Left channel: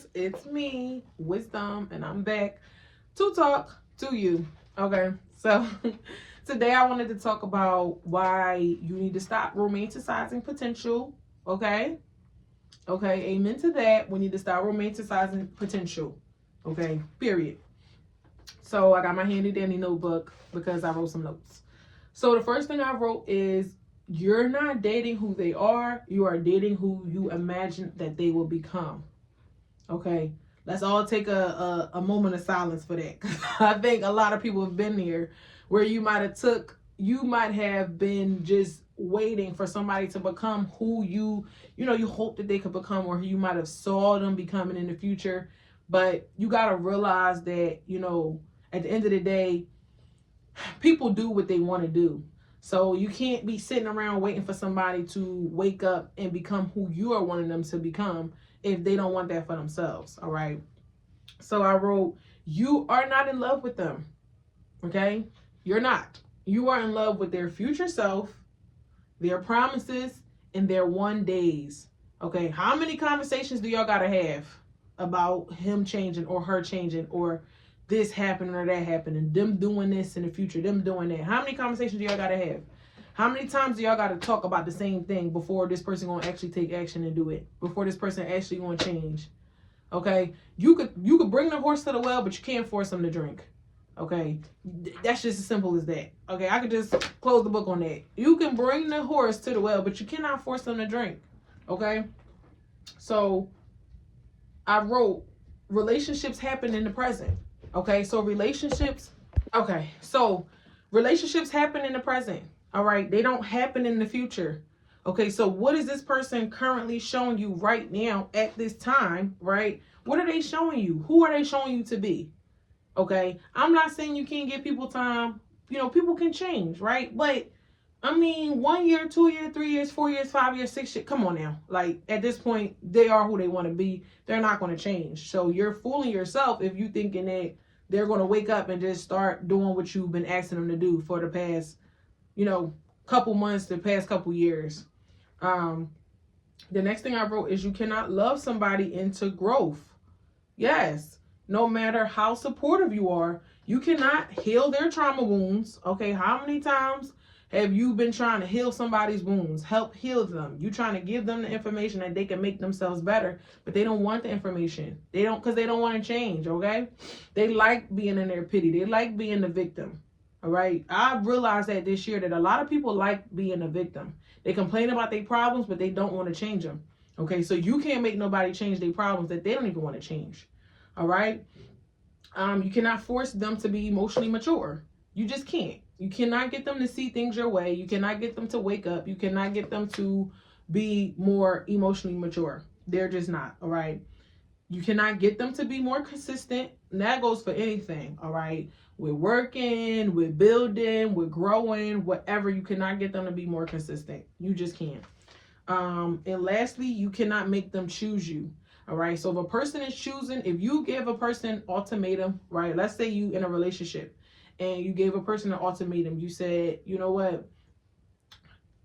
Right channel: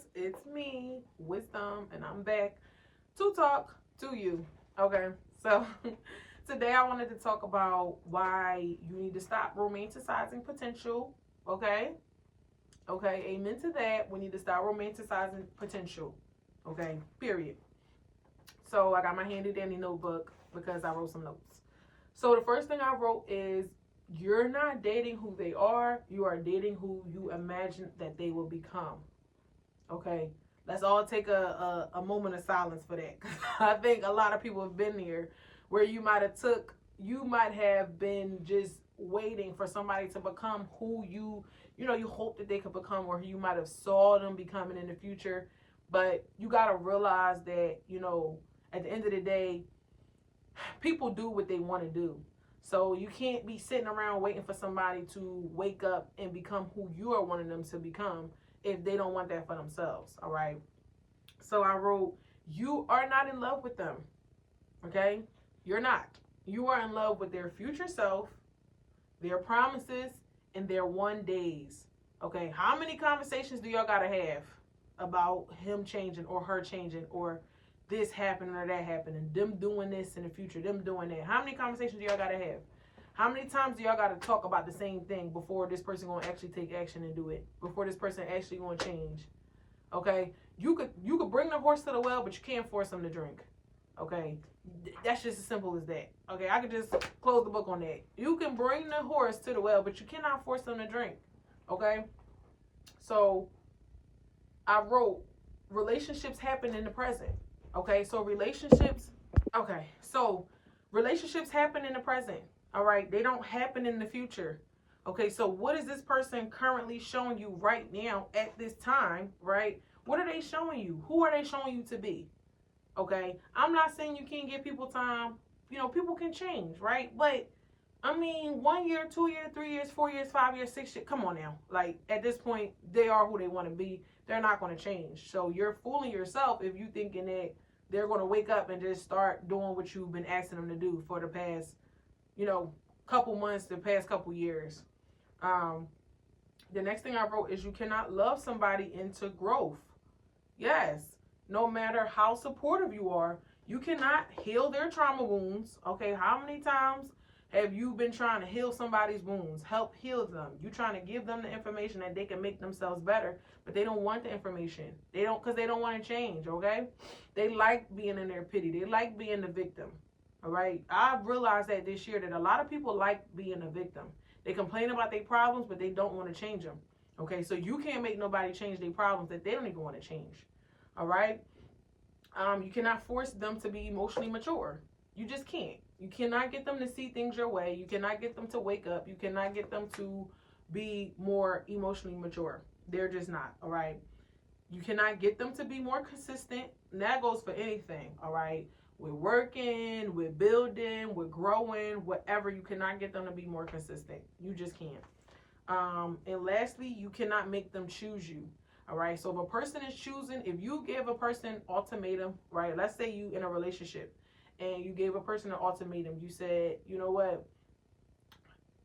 guys, it's me, Wisdom, and I'm back to talk to you. Okay, so today I wanted to talk about why you need to stop romanticizing potential. Okay, amen to that. We need to stop romanticizing potential. Okay, period. So I got my handy dandy notebook because I wrote some notes. So the first thing I wrote is you're not dating who they are, you are dating who you imagine that they will become. Okay, let's all take a moment of silence for that. I think a lot of people have been here where you might have been just waiting for somebody to become who you hope that they could become, or who you might have saw them becoming in the future. But you got to realize that, at the end of the day, people do what they want to do. So you can't be sitting around waiting for somebody to wake up and become who you are wanting them to become if they don't want that for themselves. All right. So I wrote, you are not in love with them. Okay. You're not. You are in love with their future self, their promises, and their one days. Okay. How many conversations do y'all got to have about him changing or her changing, or this happening or that happening, them doing this in the future, them doing that? How many conversations do y'all got to have? How many times do y'all got to talk about the same thing before this person going to actually take action and do it? Before this person actually going to change? Okay? You could bring the horse to the well, but you can't force them to drink. Okay? That's just as simple as that. Okay? I could just close the book on that. You can bring the horse to the well, but you cannot force them to drink. Okay? So I wrote, relationships happen in the present. Okay, so relationships happen in the present. All right, they don't happen in the future. Okay, so what is this person currently showing you right now at this time, right? What are they showing you? Who are they showing you to be? Okay, I'm not saying you can't give people time. People can change, right? But I mean, 1 year, 2 years, 3 years, 4 years, 5 years, 6 years. Come on now. Like, at this point, they are who they want to be. They're not going to change. So you're fooling yourself if you thinking that they're going to wake up and just start doing what you've been asking them to do for the past, couple months, the past couple years. The next thing I wrote is you cannot love somebody into growth. Yes. No matter how supportive you are, you cannot heal their trauma wounds. Okay. How many times have you been trying to heal somebody's wounds, help heal them? You trying to give them the information that they can make themselves better, but they don't want the information. Because they don't want to change, okay? They like being in their pity. They like being the victim, all right? I realized that this year that a lot of people like being a victim. They complain about their problems, but they don't want to change them, okay? So you can't make nobody change their problems that they don't even want to change, all right? You cannot force them to be emotionally mature. You just can't. You cannot get them to see things your way. You cannot get them to wake up. You cannot get them to be more emotionally mature. They're just not, all right? You cannot get them to be more consistent. And that goes for anything, all right? We're working, we're building, we're growing, whatever. You cannot get them to be more consistent. You just can't. And lastly, you cannot make them choose you. All right. So if a person is choosing, if you give a person ultimatum, right? Let's say you in a relationship and you gave a person an ultimatum. You said, you know what?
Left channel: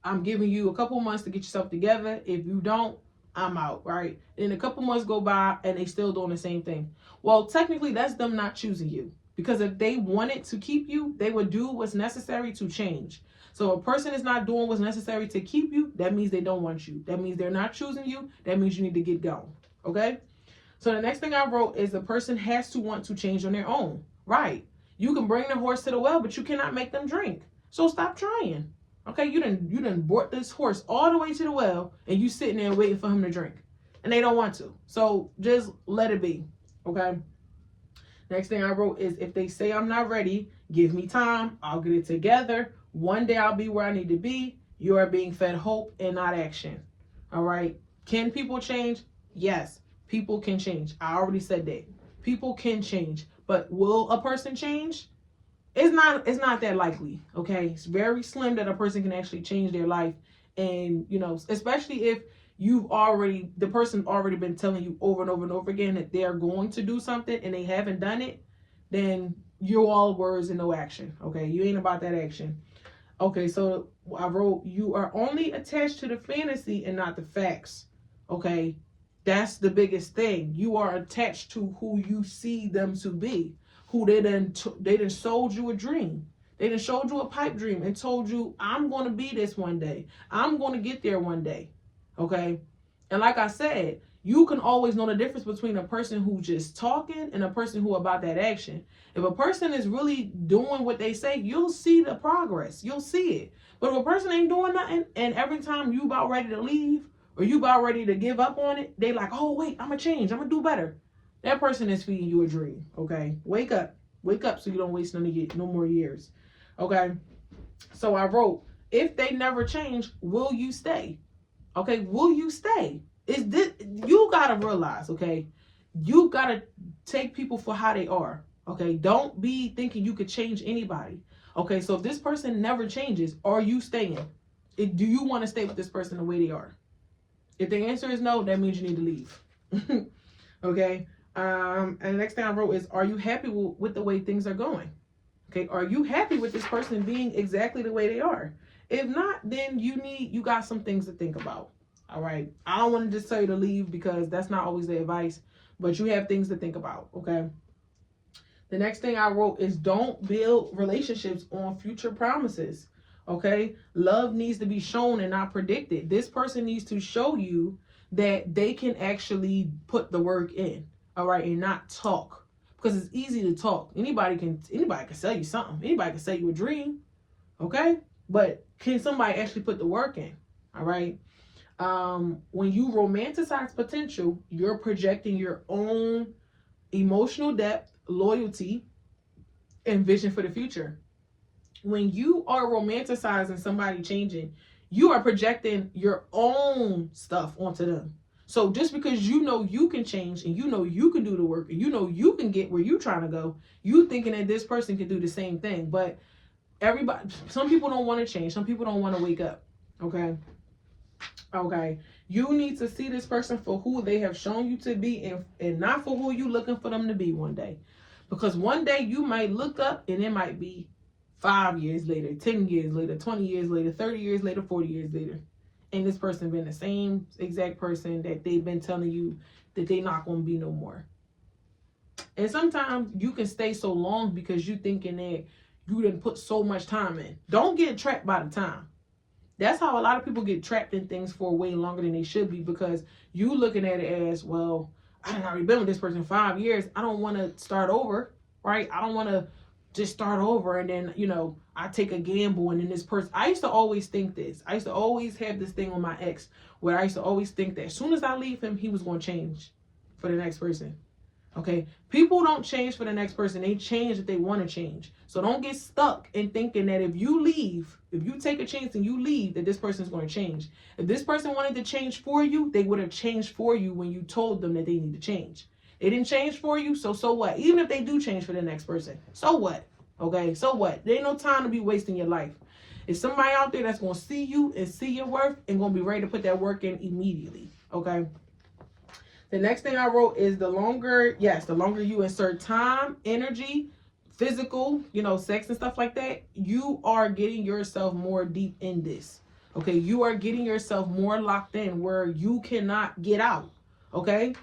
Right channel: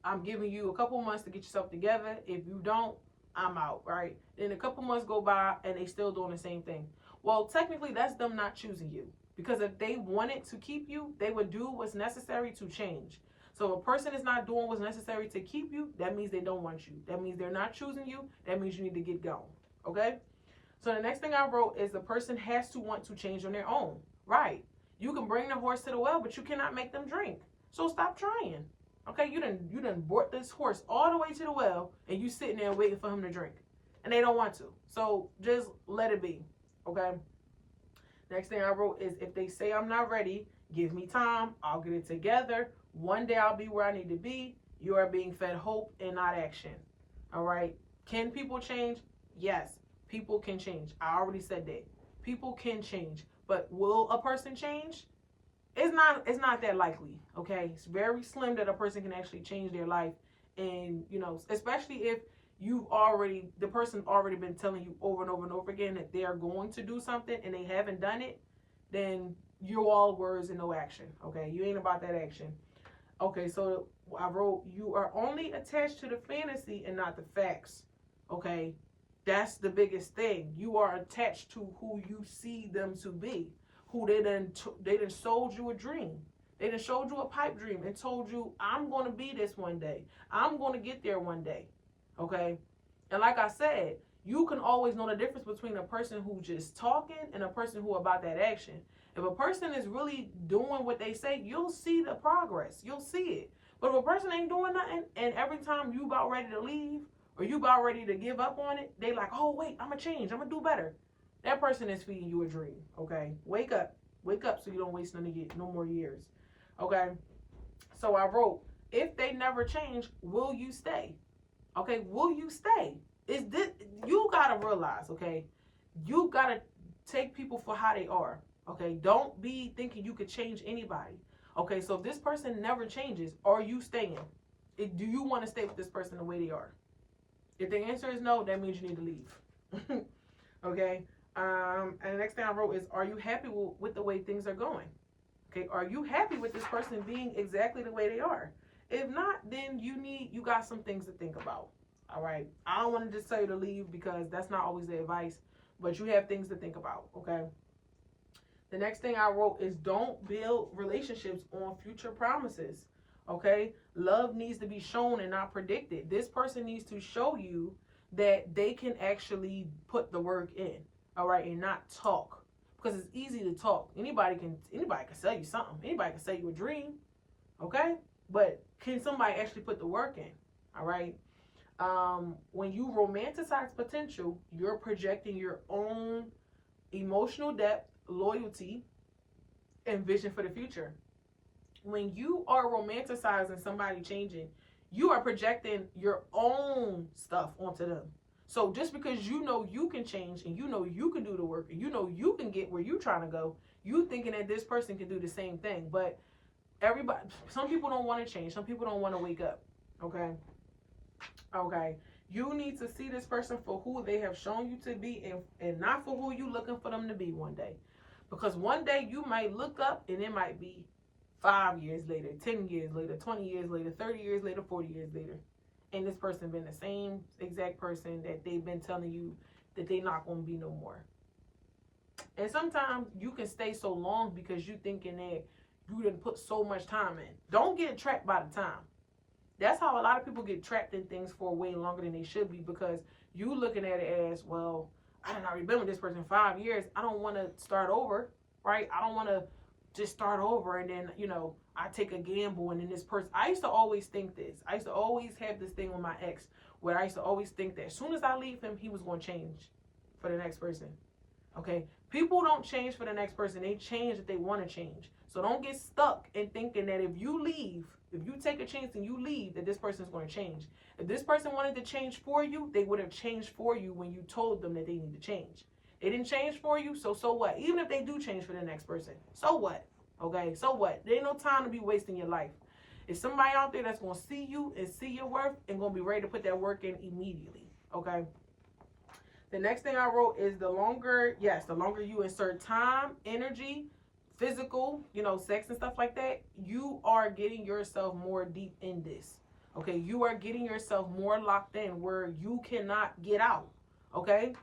I'm giving you a couple months to get yourself together. If you don't, I'm out, right? And a couple months go by and they still doing the same thing. Well, technically that's them not choosing you, because if they wanted to keep you, they would do what's necessary to change. So a person is not doing what's necessary to keep you, that means they don't want you. That means they're not choosing you. That means you need to get going. Okay? So the next thing I wrote is the person has to want to change on their own. Right. You can bring the horse to the well, but you cannot make them drink. So stop trying. Okay? You done brought this horse all the way to the well and you sitting there waiting for him to drink. And they don't want to. So just let it be. Okay? Next thing I wrote is if they say I'm not ready, give me time. I'll get it together. One day I'll be where I need to be. You are being fed hope and not action. All right? Can people change? Yes, people can change. I already said that. People can change. But will a person change? It's not that likely. Okay? It's very slim that a person can actually change their life. And, especially if the person's already been telling you over and over and over again that they're going to do something and they haven't done it, then you're all words and no action. Okay? You ain't about that action. Okay, so I wrote, you are only attached to the fantasy and not the facts. Okay? That's the biggest thing. You are attached to who you see them to be. Who they done sold you a dream. They done showed you a pipe dream and told you, I'm going to be this one day. I'm going to get there one day. Okay? And like I said, you can always know the difference between a person who's just talking and a person who about that action. If a person is really doing what they say, you'll see the progress. You'll see it. But if a person ain't doing nothing, and every time you about ready to leave or you about ready to give up on it, they like, oh, wait, I'm going to change. I'm going to do better. That person is feeding you a dream, okay? Wake up. Wake up so you don't waste no more years, okay? So I wrote, if they never change, will you stay? Okay, will you stay? Is this, you got to realize, okay? You got to take people for how they are, okay? Don't be thinking you could change anybody. Okay, so if this person never changes, are you staying? Do you want to stay with this person the way they are? If the answer is no, that means you need to leave. Okay? And the next thing I wrote is, are you happy with the way things are going? Okay, are you happy with this person being exactly the way they are? If not, then you got some things to think about. All right? I don't want to just tell you to leave because that's not always the advice, but you have things to think about, okay? The next thing I wrote is, don't build relationships on future promises. Okay? Love needs to be shown and not predicted. This person needs to show you that they can actually put the work in. All right? And not talk. Because it's easy to talk. Anybody can sell you something. Anybody can sell you a dream. Okay? But can somebody actually put the work in? All right? When you romanticize potential, you're projecting your own emotional depth, loyalty, and vision for the future. When you are romanticizing somebody changing, you are projecting your own stuff onto them. So just because you know you can change and you know you can do the work and you know you can get where you're trying to go, you thinking that this person can do the same thing. But some people don't want to change. Some people don't want to wake up. Okay? Okay. You need to see this person for who they have shown you to be and not for who you looking for them to be one day. Because one day you might look up and it might be 5 years later, 10 years later, 20 years later, 30 years later, 40 years later. And this person been the same exact person that they've been telling you that they not going to be no more. And sometimes you can stay so long because you thinking that you didn't put so much time in. Don't get trapped by the time. That's how a lot of people get trapped in things for way longer than they should be, because you looking at it as, well, I done already been with this person 5 years. I don't want to start over, right? I don't want to just start over and then, I take a gamble and then this person. I used to always think this. I used to always have this thing on my ex where I used to always think that as soon as I leave him, he was going to change for the next person. Okay? People don't change for the next person. They change if they want to change. So don't get stuck in thinking that if you leave, if you take a chance and you leave, that this person is going to change. If this person wanted to change for you, they would have changed for you when you told them that they need to change. They didn't change for you, so what? Even if they do change for the next person, so what? Okay, so what? There ain't no time to be wasting your life. It's somebody out there that's going to see you and see your worth and going to be ready to put that work in immediately, okay? The next thing I wrote is the longer you insert time, energy, physical, sex and stuff like that, you are getting yourself more deep in this, okay? You are getting yourself more locked in where you cannot get out, okay?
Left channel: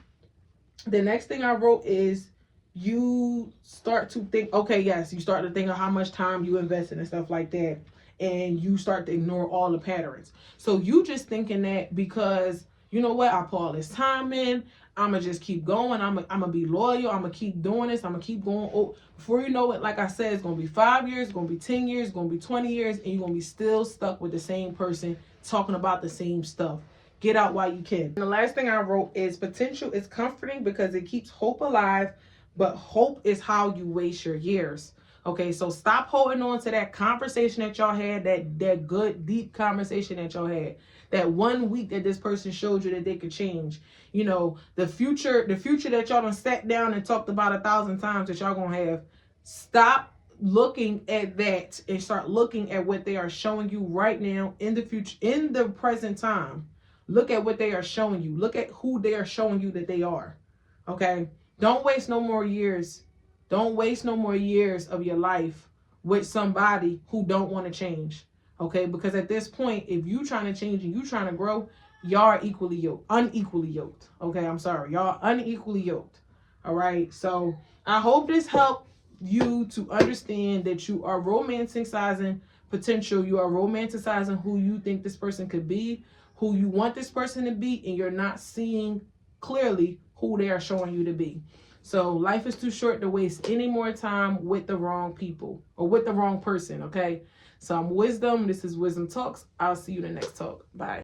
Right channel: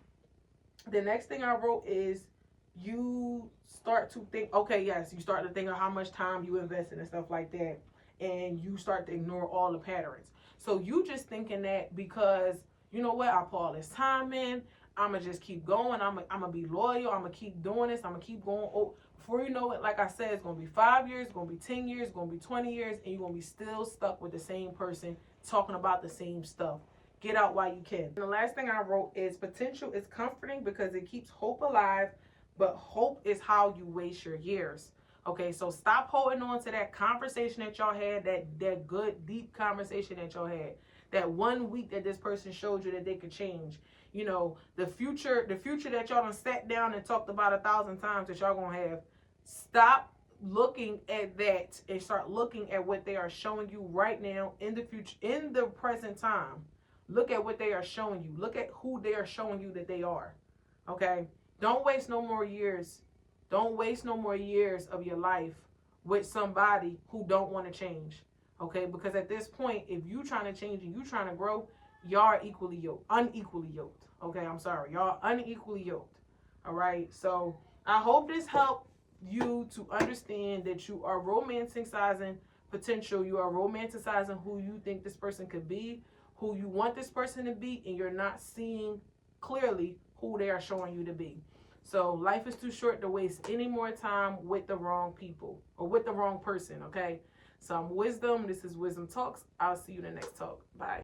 The next thing I wrote is you start to think, you start to think of how much time you invested and stuff like that, and you start to ignore all the patterns. So you just thinking that because, you know what, I put all this time in, I'm going to just keep going, I'm going to be loyal, I'm going to keep doing this, I'm going to keep going. Oh, before you know it, like I said, it's going to be 5 years, it's going to be 10 years, it's going to be 20 years, and you're going to be still stuck with the same person talking about the same stuff. Get out while you can. And the last thing I wrote is, potential is comforting because it keeps hope alive, but hope is how you waste your years. Okay, so stop holding on to that conversation that y'all had, that good, deep conversation that y'all had. That 1 week that this person showed you that they could change. The future that y'all done sat down and talked about 1,000 times that y'all gonna have. Stop looking at that and start looking at what they are showing you right now in the future, in the present time. Look at what they are showing you. Look at who they are showing you that they are. Okay? Don't waste no more years. Don't waste no more years of your life with somebody who don't want to change. Okay? Because at this point, if you trying to change and you trying to grow, y'all are unequally yoked. Okay, I'm sorry. Y'all unequally yoked. All right. So I hope this helped you to understand that you are romanticizing potential. You are romanticizing who you think this person could be, who you want this person to be, and you're not seeing clearly who they are showing you to be. So life is too short to waste any more time with the wrong people or with the wrong person. Okay. So I'm Wisdom. This is Wisdom Talks. I'll see you in the next talk. Bye.